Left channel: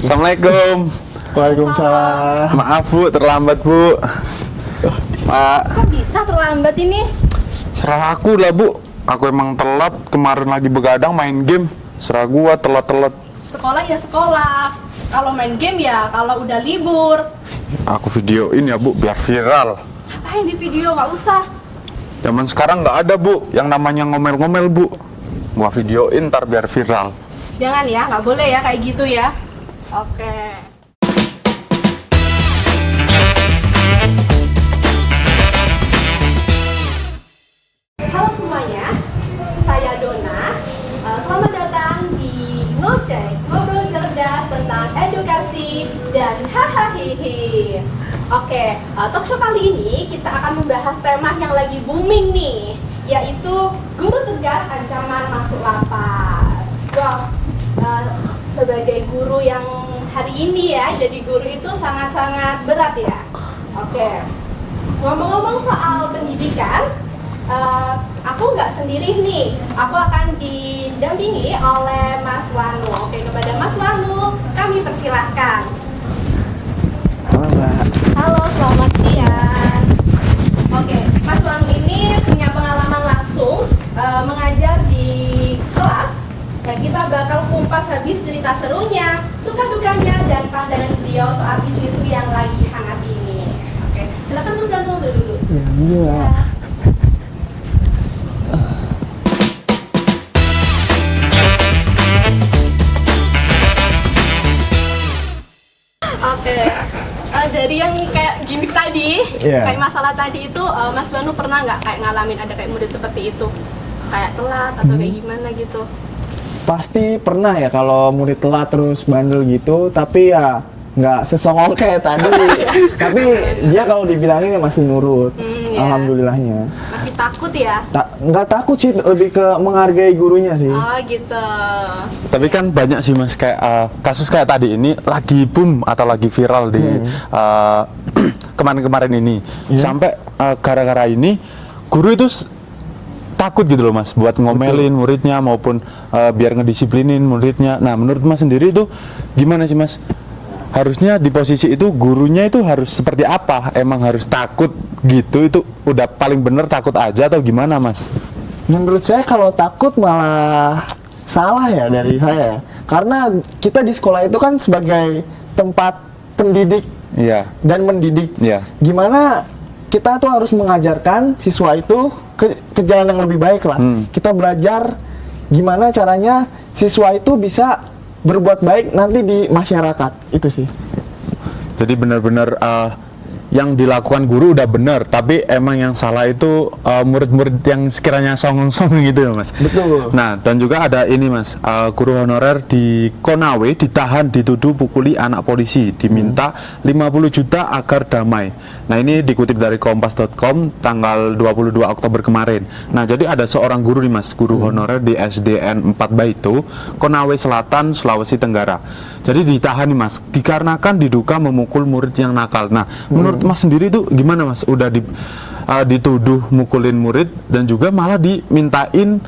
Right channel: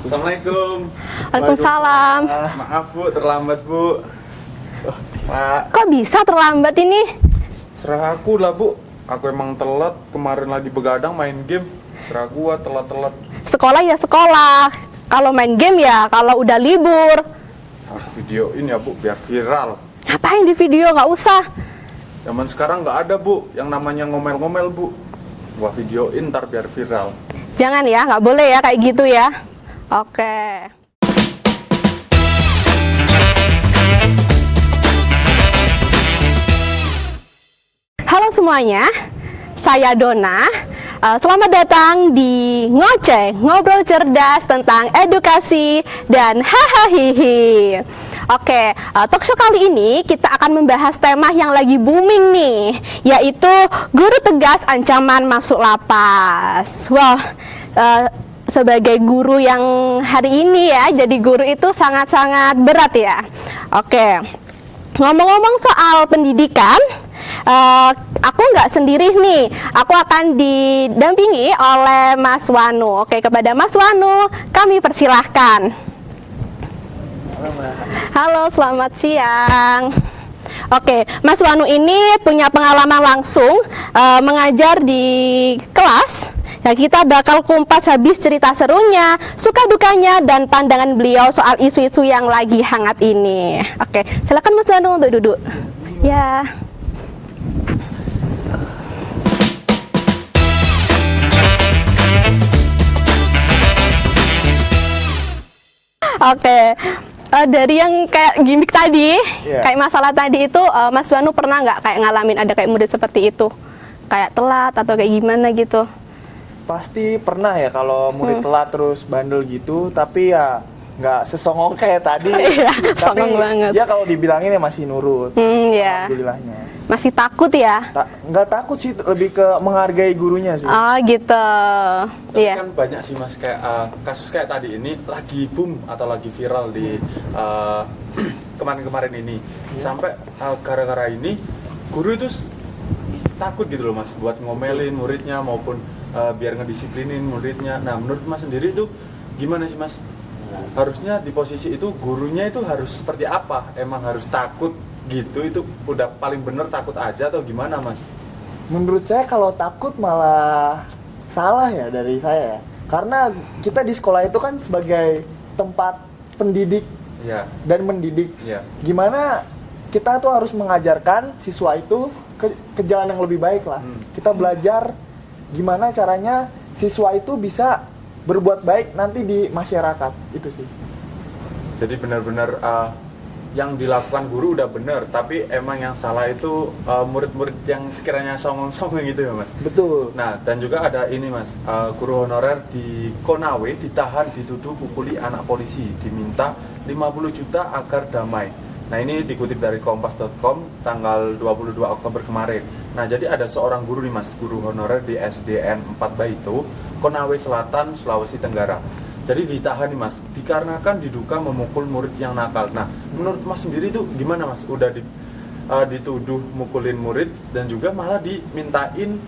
Assalamualaikum. Waalaikumsalam. Maaf Bu, terlambat Bu. Pak, Kok bisa terlambat ini? serah aku lah Bu. Aku emang telat, kemarin lagi begadang main game. Serah gua telat-telat. Sekolah ya sekolah. Kalau main game ya kalau udah libur. Aku videoin ya Bu, biar viral. Ngapain di video? Nggak usah. Zaman sekarang nggak ada Bu, yang namanya ngomel-ngomel Bu. Gua videoin ntar biar viral. Jangan ya, nggak boleh ya kayak gitu ya. Oke. Halo semuanya, saya Donna. Selamat datang di Ngoceh, ngobrol cerdas tentang edukasi dan hahaha. Oke, talk show kali ini kita akan membahas tema yang lagi booming nih, yaitu guru tegas ancaman masuk lapas. Wah, sebagai guru yang hari ini ya, jadi guru itu sangat-sangat berat ya. Oke, ngomong-ngomong soal pendidikan, aku nggak sendiri nih, aku akan didampingi oleh Mas Wanu. Oke, kepada Mas Wanu, kami persilahkan. Halo, selamat siang. Oke, Mas Wanu ini punya pengalaman langsung mengajar di kelas. Nah, kita bakal kumpas habis cerita serunya, suka dukanya, dan pandangan beliau soal isu-isu yang lagi hangat ini. Oke, silakan Mas Wanu untuk duduk. Ya. Oke, dari yang kayak gimmick tadi, kayak masalah tadi itu, Mas Wanu pernah nggak kayak ngalamin ada kayak murid seperti itu? Kayak telat atau kayak gimana gitu? Pasti pernah ya kalau murid telat terus bandel gitu, tapi ya nggak sesongong kayak tadi. Tapi dia kalau dibilangin ya masih nurut, alhamdulillahnya. Masih takut ya? Nggak takut sih, lebih ke menghargai gurunya sih. Oh gitu. Tapi Iya. kan banyak sih Mas, kayak kasus kayak tadi ini lagi boom atau lagi viral di kemarin-kemarin ini. Sampai gara-gara ini guru itu takut gitu loh Mas, buat ngomelin muridnya maupun biar ngedisiplinin muridnya. Nah, menurut Mas sendiri itu gimana sih Mas? Harusnya di posisi itu gurunya itu harus seperti apa? Emang harus takut gitu? Itu udah paling bener takut aja atau gimana Mas? Menurut saya kalau takut malah salah ya dari saya. Karena kita di sekolah itu kan sebagai tempat pendidik Iya. dan mendidik. Iya. Gimana kita tuh harus mengajarkan siswa itu ke jalan yang lebih baik lah. Kita belajar gimana caranya siswa itu bisa berbuat baik nanti di masyarakat, itu sih. Jadi benar-benar yang dilakukan guru udah benar, tapi emang yang salah itu murid-murid yang sekiranya songong-songong gitu ya Mas. Betul. Nah, dan juga ada ini Mas, guru honorer di Konawe ditahan dituduh pukuli anak polisi, diminta 50 juta agar damai. Nah, ini dikutip dari kompas.com tanggal 22 Oktober kemarin. Nah, jadi ada seorang guru nih Mas, guru honorer di SDN 4 Baitu, Konawe Selatan, Sulawesi Tenggara. Jadi ditahan nih Mas, dikarenakan diduga memukul murid yang nakal. Nah, menurut Mas sendiri itu gimana Mas? Udah dituduh mukulin murid dan juga malah dimintain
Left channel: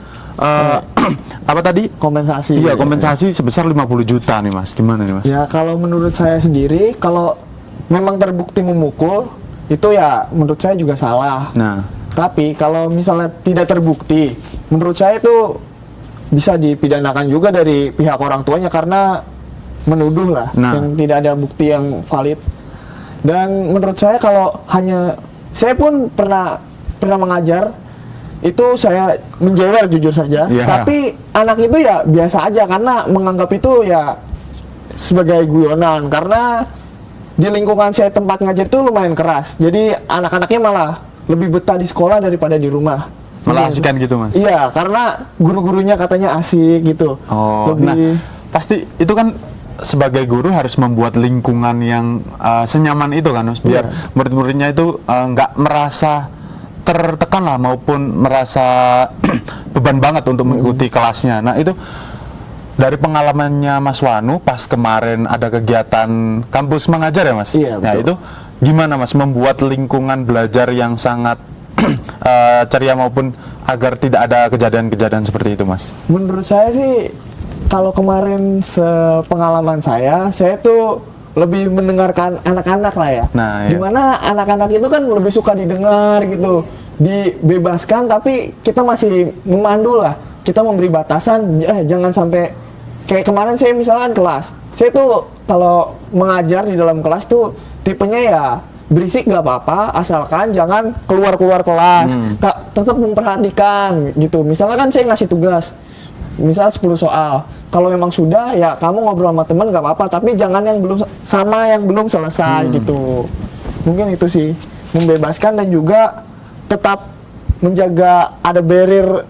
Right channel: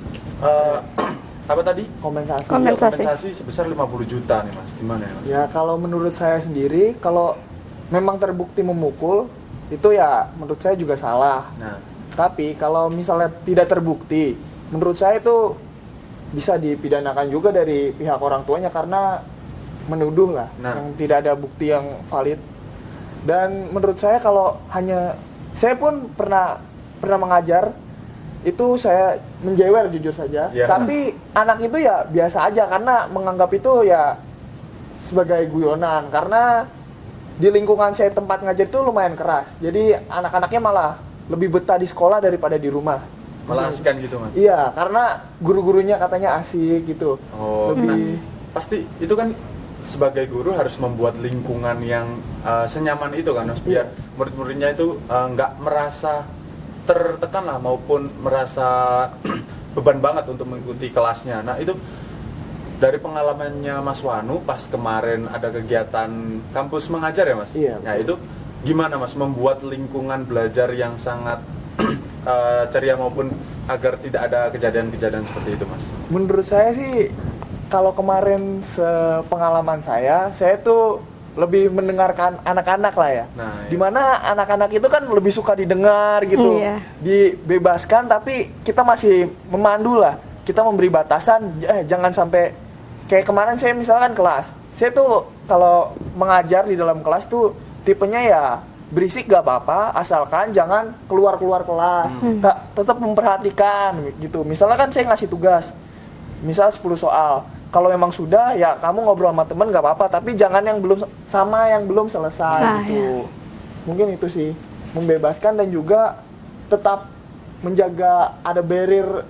apa tadi? Kompensasi. Iya, kompensasi sebesar 50 juta nih Mas. Gimana nih Mas? Ya kalau menurut saya sendiri, kalau memang terbukti memukul, itu ya menurut saya juga salah. Nah, Tapi kalau misalnya tidak terbukti, menurut saya itu bisa dipidanakan juga dari pihak orang tuanya karena menuduh lah, yang tidak ada bukti yang valid. Dan menurut saya kalau hanya, saya pun pernah mengajar, itu saya menjewel jujur saja. Tapi anak itu ya biasa aja karena menganggap itu ya sebagai guyonan, karena di lingkungan saya tempat ngajar itu lumayan keras. Jadi anak-anaknya malah lebih betah di sekolah daripada di rumah. malah asikan gitu Mas? Iya, karena guru-gurunya katanya asik gitu. Nah, pasti itu kan sebagai guru harus membuat lingkungan yang senyaman itu kan Mas, biar murid-muridnya itu nggak merasa tertekan lah maupun merasa beban banget untuk mengikuti kelasnya. Nah, itu dari pengalamannya Mas Wanu pas kemarin ada kegiatan kampus mengajar ya Mas? Iya, Nah, itu gimana Mas membuat lingkungan belajar yang sangat ceria maupun agar tidak ada kejadian-kejadian seperti itu Mas? Menurut saya sih Kalau kemarin sepengalaman saya tuh lebih mendengarkan anak-anak lah ya. Nah, iya. Dimana anak-anak itu kan lebih suka didengar gitu, Iya. dibebaskan, tapi kita masih memandu lah. Kita memberi batasan, jangan sampai kayak kemarin saya misalkan kelas. Saya tuh kalau mengajar di dalam kelas tuh tipenya ya berisik nggak apa-apa, asalkan jangan keluar kelas. Tetap memperhatikan gitu. Misalnya kan saya ngasih tugas, misal 10 soal. Kalau memang sudah, ya kamu ngobrol sama temen nggak apa-apa, tapi jangan yang belum selesai gitu. Mungkin itu sih, membebaskan dan juga tetap menjaga ada barrier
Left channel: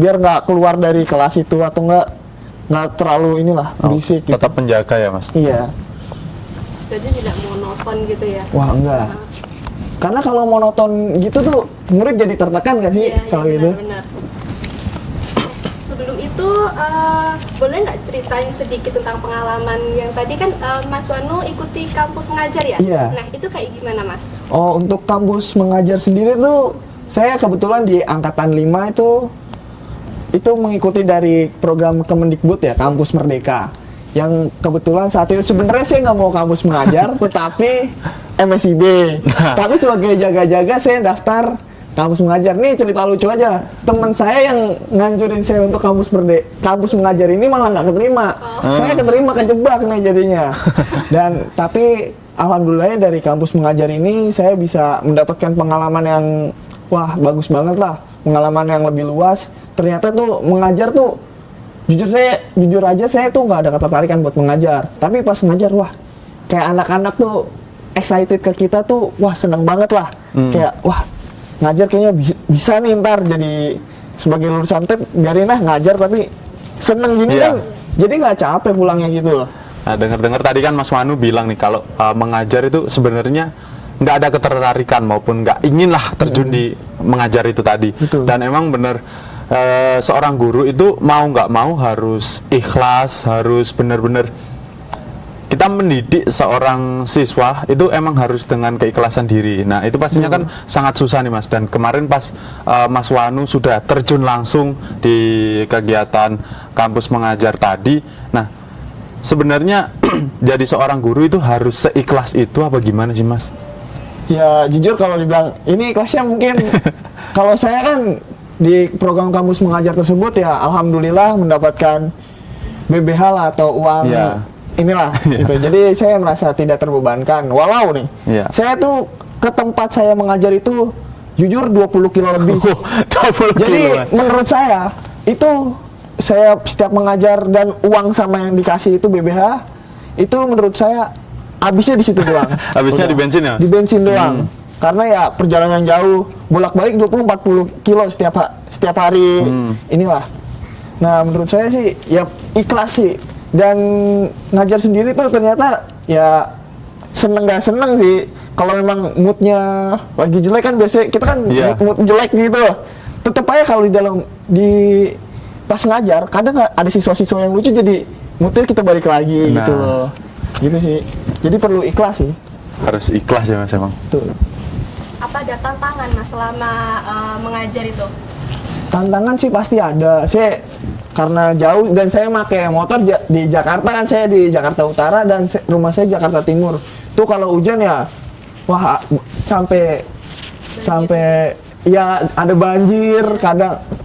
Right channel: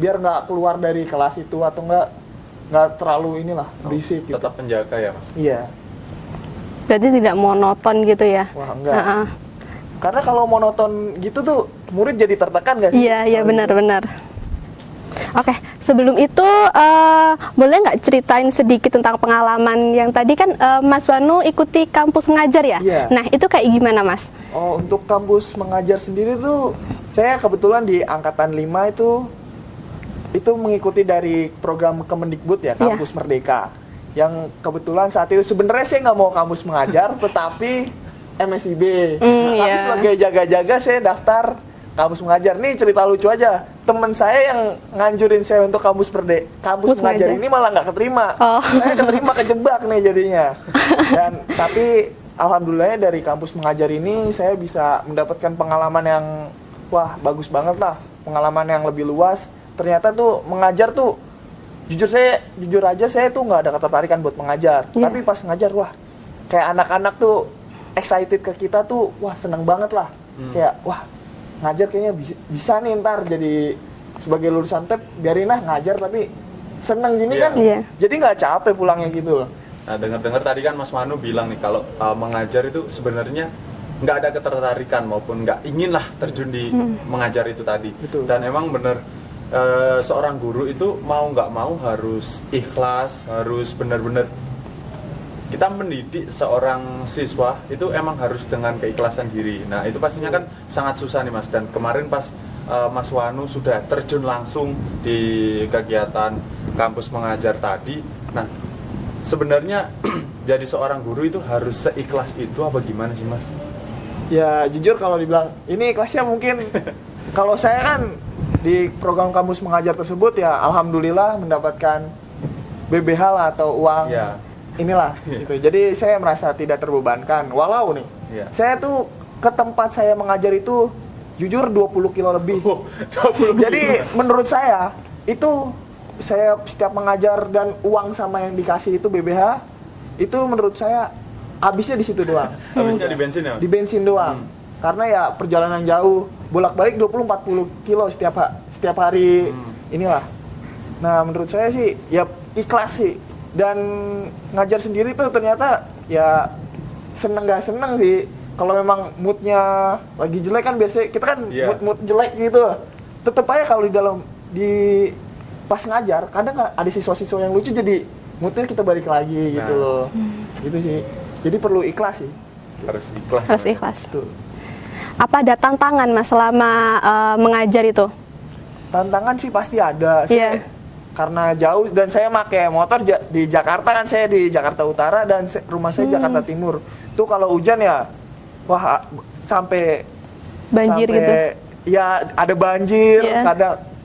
biar nggak keluar dari kelas itu atau nggak terlalu berisik. Gitu. Tetap menjaga ya mas. Iya. Berarti tidak monoton gitu ya? Wah enggak. Heeh. Karena kalau monoton gitu tuh murid jadi tertekan gak sih? Iya kalau gitu? benar-benar. Oke, sebelum itu boleh nggak ceritain sedikit tentang pengalaman yang tadi kan Mas Wanu ikuti kampus mengajar ya? Iya. Nah itu kayak gimana Mas? Oh, untuk kampus mengajar sendiri tuh saya kebetulan di angkatan 5 itu mengikuti dari program Kemendikbud ya, Kampus Merdeka. Yang kebetulan saat itu sebenarnya saya nggak mau kampus mengajar, tetapi MSIB. Tapi sebagai jaga-jaga saya daftar kampus mengajar. Nih cerita lucu aja, teman saya yang nganjurin saya untuk kampus mengajar ini malah nggak keterima. Saya keterima, kejebak nih jadinya. Dan tapi alhamdulillah dari kampus mengajar ini saya bisa mendapatkan pengalaman yang wah bagus banget lah, pengalaman yang lebih luas. Ternyata tuh mengajar tuh jujur aja saya tuh nggak ada ketertarikan buat mengajar. Tapi pas ngajar wah kayak anak-anak tuh excited ke kita tuh wah seneng banget lah. Kayak wah ngajar kayaknya bisa nih ntar jadi sebagai lulusan TEP biarin lah ngajar tapi seneng gini kan. Jadi nggak capek pulangnya gitu loh. Nah dengar-dengar tadi kan Mas Wanu bilang nih kalau mengajar itu sebenarnya nggak ada ketertarikan maupun nggak ingin lah terjun di mengajar itu tadi. Betul. Dan emang bener seorang guru itu mau nggak mau harus ikhlas, harus bener-bener kita mendidik seorang siswa itu emang harus dengan keikhlasan diri. Nah itu pastinya kan sangat susah nih mas. Dan kemarin pas Mas Wanu sudah terjun langsung di kegiatan kampus mengajar tadi. Nah sebenarnya jadi seorang guru itu harus seikhlas itu apa gimana sih mas? Ya jujur kalau dibilang ini ikhlasnya mungkin kalau saya kan di program kampus mengajar tersebut ya alhamdulillah mendapatkan BBH lah atau uang inilah gitu. Jadi saya merasa tidak terbebankan. Walau nih saya tuh ke tempat saya mengajar itu jujur 20 kilo lebih. 20 Jadi kilo. menurut saya itu saya setiap mengajar dan uang sama yang dikasih itu BBH itu menurut saya habisnya di situ doang. Habisnya di bensin ya mas? Di bensin doang. Karena ya perjalanan jauh, bolak-balik 20-40 kilo setiap hari, inilah. Nah menurut saya sih ya ikhlas sih. Dan ngajar sendiri tuh ternyata ya seneng gak seneng sih. Kalau memang moodnya lagi jelek kan biasanya kita kan mood jelek gitu. Tetep aja kalau pas ngajar kadang ada siswa-siswa yang lucu jadi moodnya kita balik lagi gitu loh. Gitu sih. Jadi perlu ikhlas sih. Harus ikhlas ya mas. Ikhlas. Tuh. Apa ada tantangan mas selama mengajar itu? Tantangan sih pasti ada. Saya karena jauh dan saya pakai motor di Jakarta kan, saya di Jakarta Utara dan rumah saya Jakarta Timur. Tuh kalau hujan ya wah sampai Banjir gitu. Ya ada banjir,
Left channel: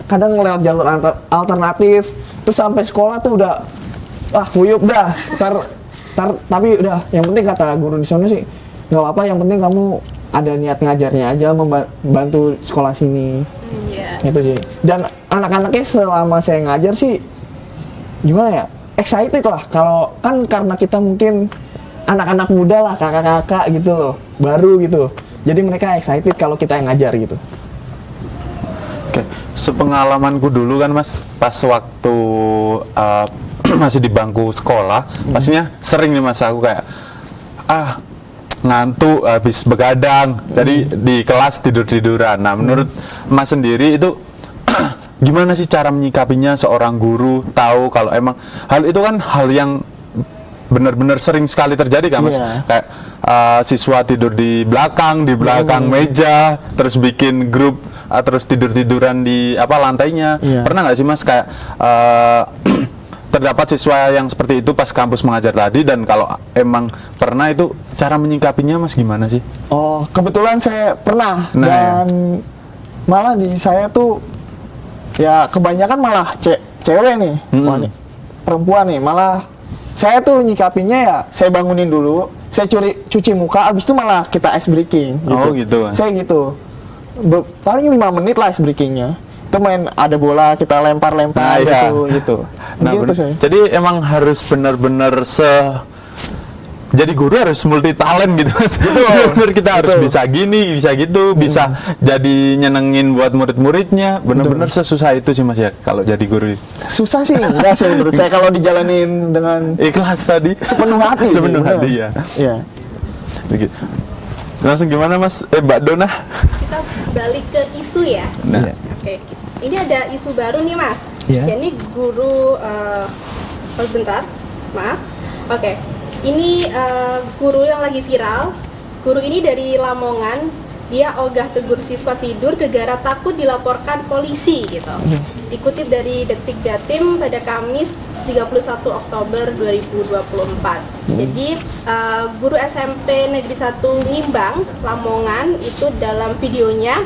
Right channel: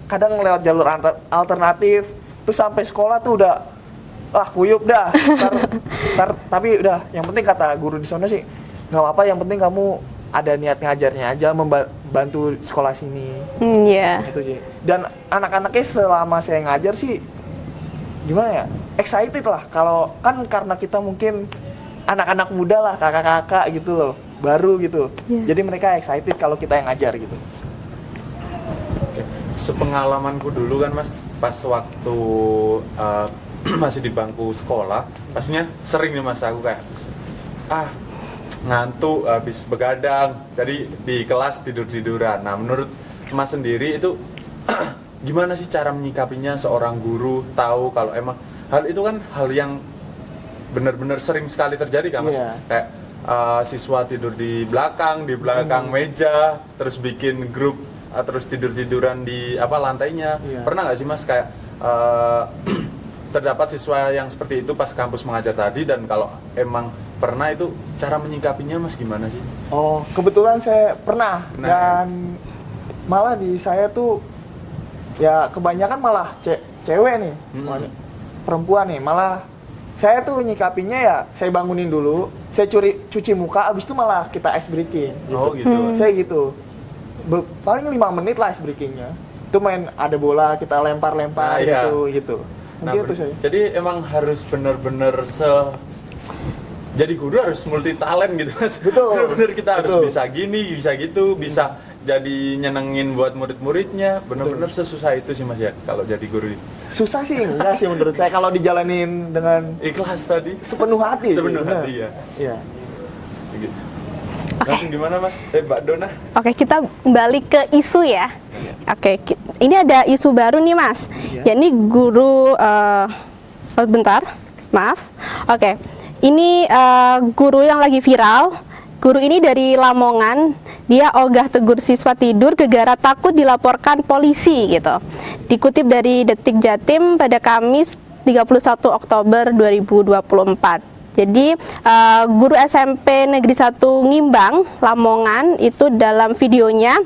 kadang lewat jalur alternatif. Terus sampai sekolah tuh udah kuyup dah. Tapi udah yang penting kata guru di sana sih nggak apa-apa, yang penting kamu ada niat ngajarnya aja, membantu sekolah sini. Itu sih. Dan anak-anaknya selama saya ngajar sih gimana ya, excited lah. Kalau kan karena kita mungkin anak-anak muda lah, kakak-kakak gitu loh, baru gitu. Jadi mereka excited kalau kita yang ngajar gitu. Oke, sepengalamanku dulu kan mas, pas waktu masih di bangku sekolah, pastinya sering nih mas aku kayak ngantuk habis begadang, jadi di kelas tidur-tiduran. Nah menurut mas sendiri itu gimana sih cara menyikapinya seorang guru tahu kalau emang hal itu kan hal yang benar-benar sering sekali terjadi kan mas? Kayak siswa tidur di belakang meja, terus bikin grup, terus tidur-tiduran di lantainya. Pernah nggak sih mas kayak terdapat siswa yang seperti itu pas kampus mengajar tadi, dan kalau emang pernah itu cara menyikapinya Mas gimana sih? Oh, kebetulan saya pernah. Nah, dan malah di saya tuh ya kebanyakan malah cewek nih, perempuan nih. Malah saya tuh nyikapinya ya saya bangunin dulu, saya cuci muka, abis itu malah kita ice breaking gitu. Oh gitu. Saya gitu. Paling 5 menit lah ice breakingnya. Itu main ada bola kita lempar-lempar Nah, gitu. Nah, Begitu saya. jadi emang harus benar-benar jadi guru harus multi talent gitu Mas. Benar, kita harus bisa gini, bisa gitu, bisa jadi nyenengin buat murid-muridnya. Benar-benar sesusah itu sih Mas ya kalau jadi guru. Susah sih, enggak sih menurut saya kalau dijalanin dengan Ikhlas tadi. sepenuh hati. Sepenuh hati ya. Iya. Begitu. Langsung gimana Mas? Mbak Dona? Oke, kita balik ke isu ya. Nah. Oke, ini ada isu baru nih Mas. Iya. Yakni guru, bentar, maaf. Oke, ini guru yang lagi viral. Guru ini dari Lamongan. Dia ogah tegur siswa tidur gegara takut dilaporkan polisi gitu. Dikutip dari Detik Jatim pada Kamis 31 Oktober 2024. Jadi guru SMP Negeri 1 Ngimbang, Lamongan itu dalam videonya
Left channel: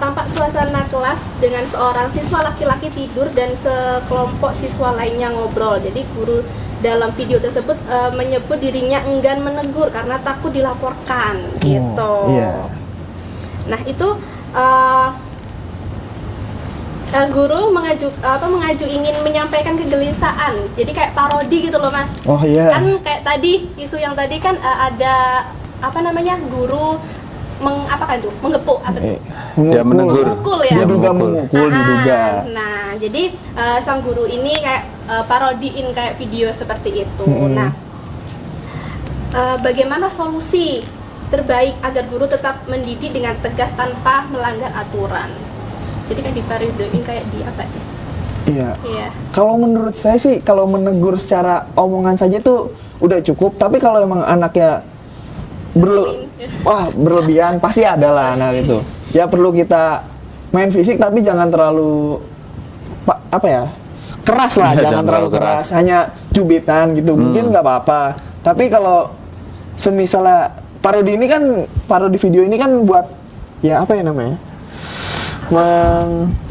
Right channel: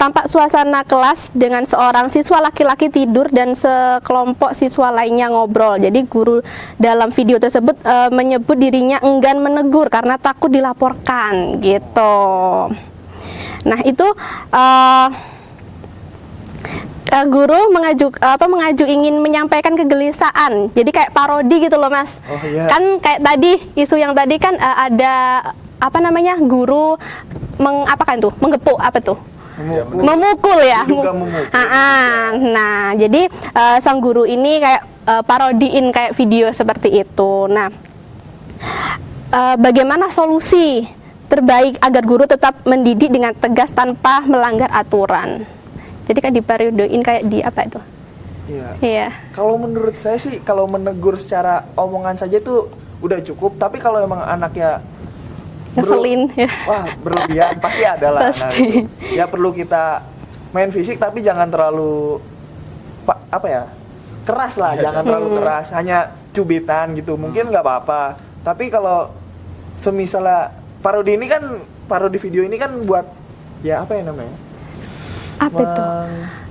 tampak suasana kelas dengan seorang siswa laki-laki tidur dan sekelompok siswa lainnya ngobrol. Jadi guru dalam video tersebut menyebut dirinya enggan menegur karena takut dilaporkan gitu. Nah itu guru mengajuk ingin menyampaikan kegelisahan, jadi kayak parodi gitu loh Mas. Oh iya. Kan kayak tadi isu yang tadi kan ada apa namanya guru menggepuk apa tuh? Ya, Memukul ya. Diduga memukul, diduga. Nah, jadi sang guru ini kayak parodiin kayak video seperti itu. Nah, bagaimana solusi terbaik agar guru tetap mendidik dengan tegas tanpa melanggar aturan? Jadi kan dipariodoin kayak di apa itu? Iya. Kalau menurut saya sih, kalau menegur secara omongan saja tuh udah cukup. Tapi kalau emang anaknya Ngeselin, ya. wah berlebihan, pasti ada lah. Nah itu. Ya perlu kita main fisik, tapi jangan terlalu keras lah. Ya, jangan terlalu keras. Hanya cubitan gitu, mungkin nggak apa-apa. Tapi kalau semisalnya parodi video ini kan buat ya apa ya namanya?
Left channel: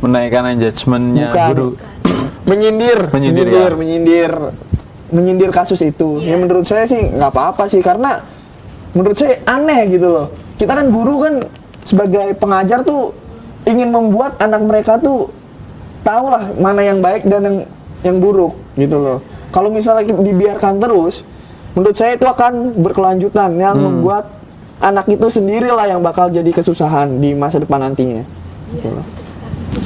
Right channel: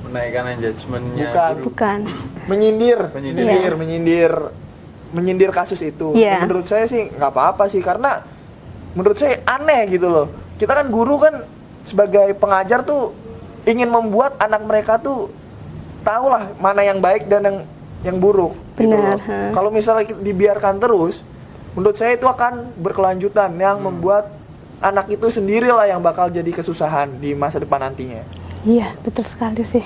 Menaikkan engagementnya guru. Bukan. menyindir kasus itu. Yeah. Menurut saya sih nggak apa-apa sih, karena menurut saya aneh gitu loh. Kita kan guru kan sebagai pengajar tuh ingin membuat anak mereka tuh tahu lah mana yang baik dan yang buruk gitu loh. Kalau misalnya dibiarkan terus, menurut saya itu akan berkelanjutan yang membuat anak itu sendirilah yang bakal jadi kesusahan di masa depan nantinya. Iya, betul sekali sih.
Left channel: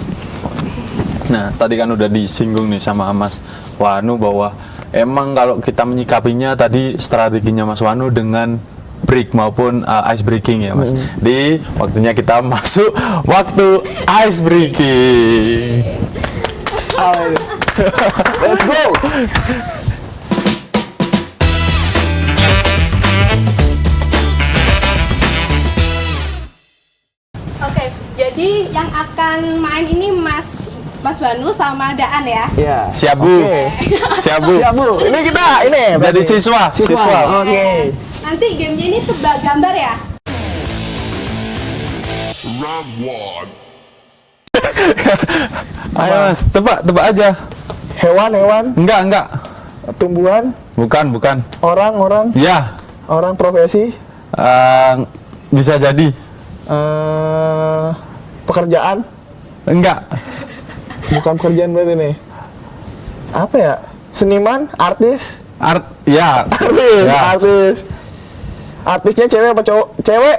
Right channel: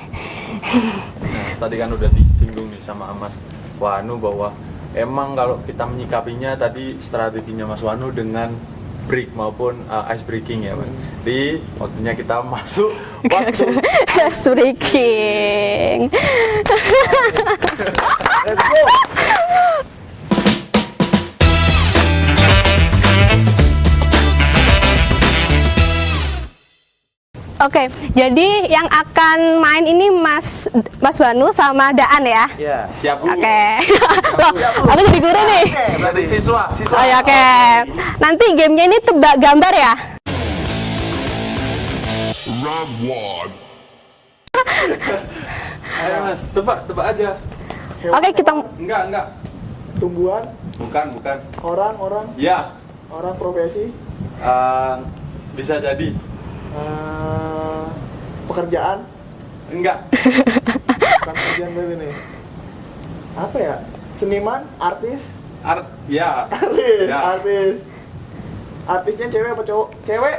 Nah, tadi kan udah disinggung nih sama Mas Wanu bahwa emang kalau kita menyikapinya tadi strateginya Mas Wanu dengan break maupun ice breaking ya Mas. Di waktunya kita masuk waktu ice breaking. Let's go. Oke, jadi yang akan main ini Mas Wanu sama Daan ya? Iya. Siap Bu. Siap Bu. Aku jadi Kita ini Dari siswa. Oke. Nanti gamenya ini tebak gambar ya? Ayo Mas, tebak aja. hewan, Enggak. tumbuhan, Bukan. orang, Ya, orang profesi, bisa jadi. pekerjaan, Enggak. bukan pekerjaan berarti nih. Apa ya? Seniman, artis, Ya. artis. Artisnya cewek apa cowok? Cewek,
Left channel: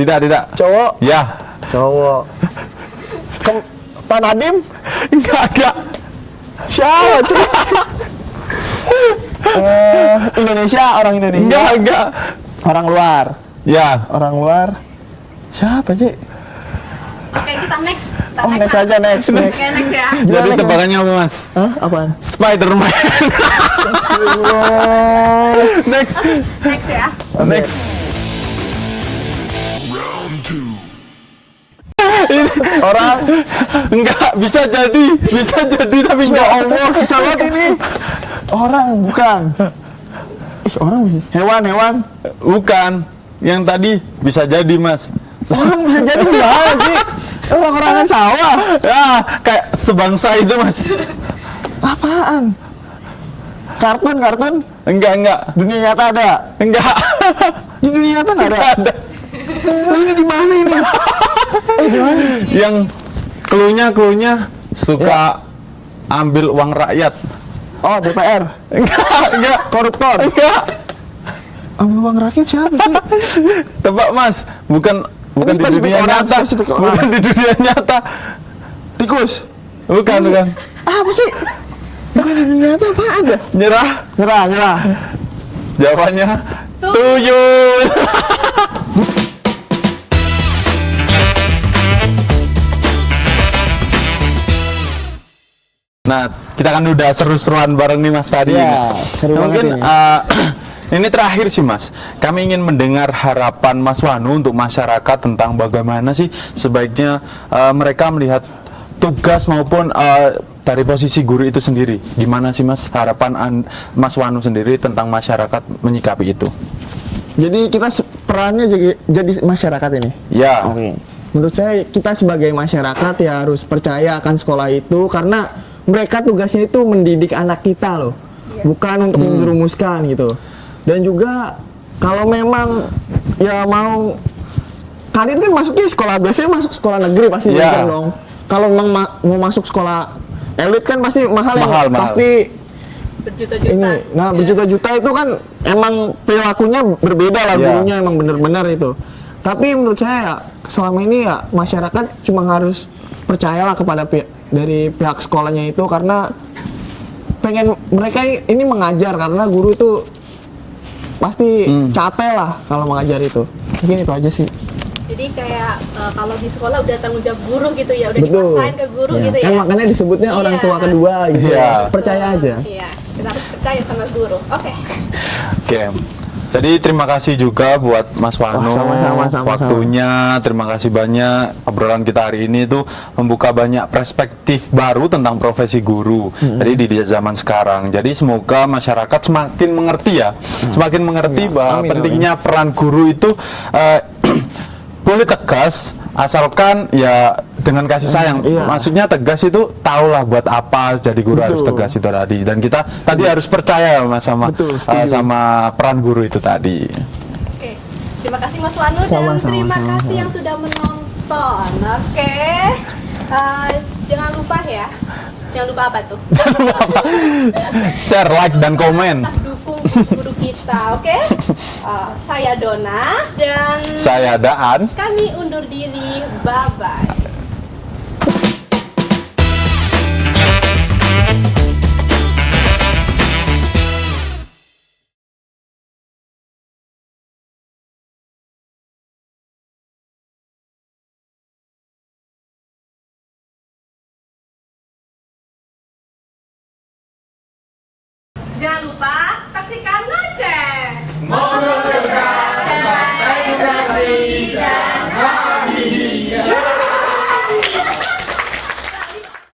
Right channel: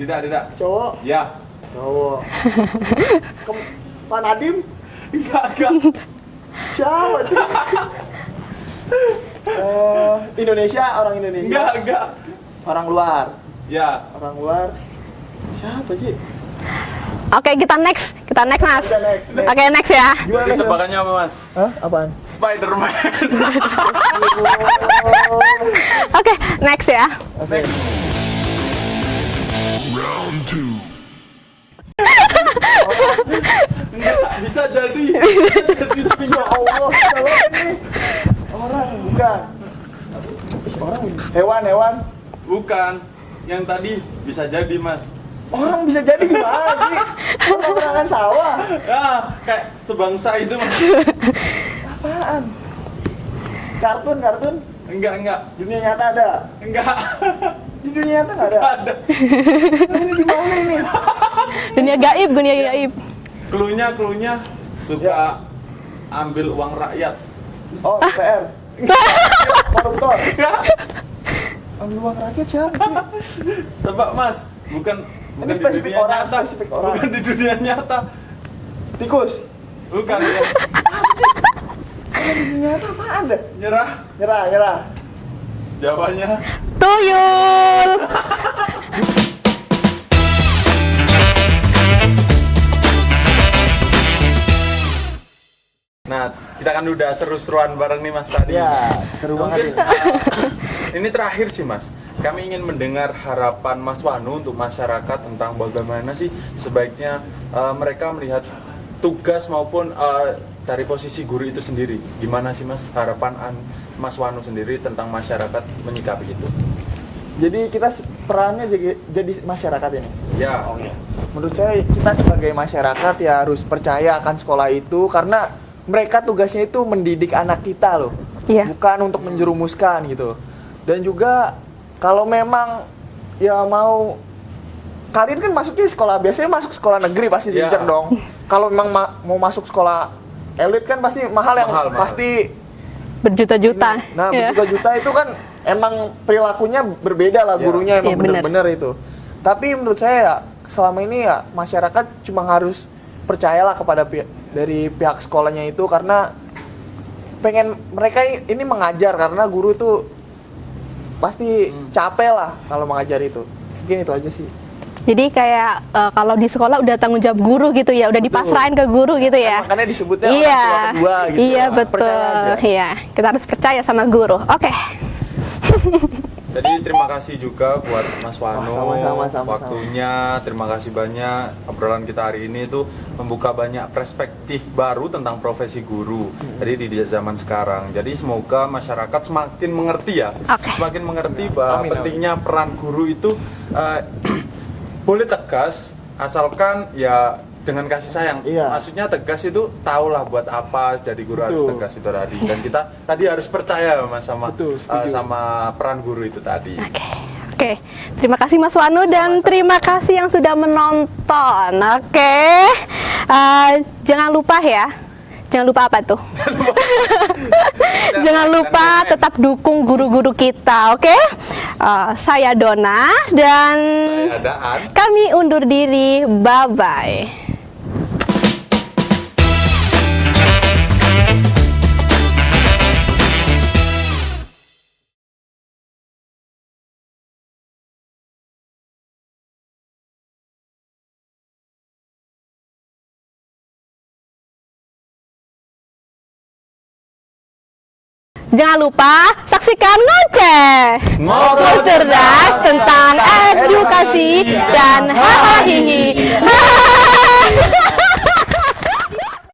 Tidak. cowok, Ya. cowok. Pak Nadiem? Enggak. Siapa? Indonesia, orang Indonesia. Enggak. Orang luar. Ya. Orang luar. Siapa sih? Oke, kita next. Kita Oh, next, next Mas. aja, next. Oke, next ya. Jadi tebakannya apa Mas? Hah? Apaan? Spider-Man. Oke, next ya. Next. Orang enggak bisa jadi tapi enggak Allah susah bukan. Orang hewan. Bukan. Yang tadi bisa jadi, Mas. Orang bisa jadi gimana sih? Orang-orangan sawah. Ya, kayak sebangsa itu, Mas. Apaan? Kartun. Enggak. Dunia nyata ada. Enggak. Di dunia nyata nggak ada. Ada. Ini di mana ini? Dunia gaib, dunia Yang gaib. cluenya suka ambil uang rakyat. Oh, DPR. Enggak. Koruptor. Enggak. Ambil uang rakyat siapa sih? Tebak, Mas. Bukan di spesifik dunia orang, nyata. spesifik orang. Bukan di dunia nyata. Tikus. Bukan. Apa sih? Bukan di dunia nyata apa ada? Nyerah. Nyerah. Jawabannya Tuyul. Nah, kita kan udah seru-seruan bareng nih Mas tadi. Iya, seru Mungkin banget ini terakhir sih Mas. Kami ingin mendengar harapan Mas Wanu untuk masyarakat tentang bagaimana sih sebaiknya mereka melihat tugas maupun dari posisi guru itu sendiri. Gimana sih Mas harapan Mas Wanu sendiri tentang masyarakat menyikapi itu? Jadi kita perannya jadi masyarakat ini. Ya. Oke. Menurut saya kita sebagai masyarakat ya harus percaya akan sekolah itu karena mereka tugasnya itu mendidik anak kita loh. Iya. Bukan untuk menjerumuskan gitu. Dan juga kalau memang ya mau kalian kan masuknya sekolah biasanya masuk sekolah negeri pasti Iya. kan dong. Kalau memang mau masuk sekolah elit kan pasti mahal. Pasti Berjuta-juta. ini. Nah, Iya. berjuta-juta itu kan emang perilakunya berbeda lah, Iya. gurunya emang Iya, benar. bener-bener itu. Tapi menurut saya ya, selama ini ya masyarakat cuma harus percayalah kepada dari pihak sekolahnya itu karena pengen mereka ini mengajar karena guru itu pasti capek lah kalau mengajar itu. Mungkin itu aja sih. Jadi kayak kalau di sekolah udah tanggung jawab guru gitu ya, udah Betul. dipasrahin ke guru gitu ya. Nah, makanya disebutnya orang tua kedua gitu. Iya, Ya, betul. percaya aja. Iya, kita harus percaya sama guru. Oke. Oke. Jadi terima kasih juga buat Mas Wano, Sama-sama. waktunya. Terima kasih banyak. Obrolan kita hari ini itu membuka banyak perspektif baru tentang profesi guru. Jadi di zaman sekarang. Jadi semoga masyarakat semakin mengerti ya, semakin mengerti bahwa Amin. pentingnya peran guru itu boleh tegas asalkan ya dengan kasih sayang. Iya. Maksudnya tegas itu tahulah buat apa jadi guru harus Betul. tegas itu tadi. Dan kita tadi harus percaya Mas sama Betul, setuju. sama peran guru itu tadi. Oke. Terima kasih Mas Wanu dan Sama-sama. terima kasih yang sudah menonton. Oke. Jangan lupa ya. Jangan lupa apa tuh? Share, Jangan like, dan lupa komen. tetap dukung guru-guru kita, oke? Saya Dona dan Saya Daan. kami undur diri. Bye-bye. Jangan lupa saksikan Ngoceh, ngobrol cerdas tentang edukasi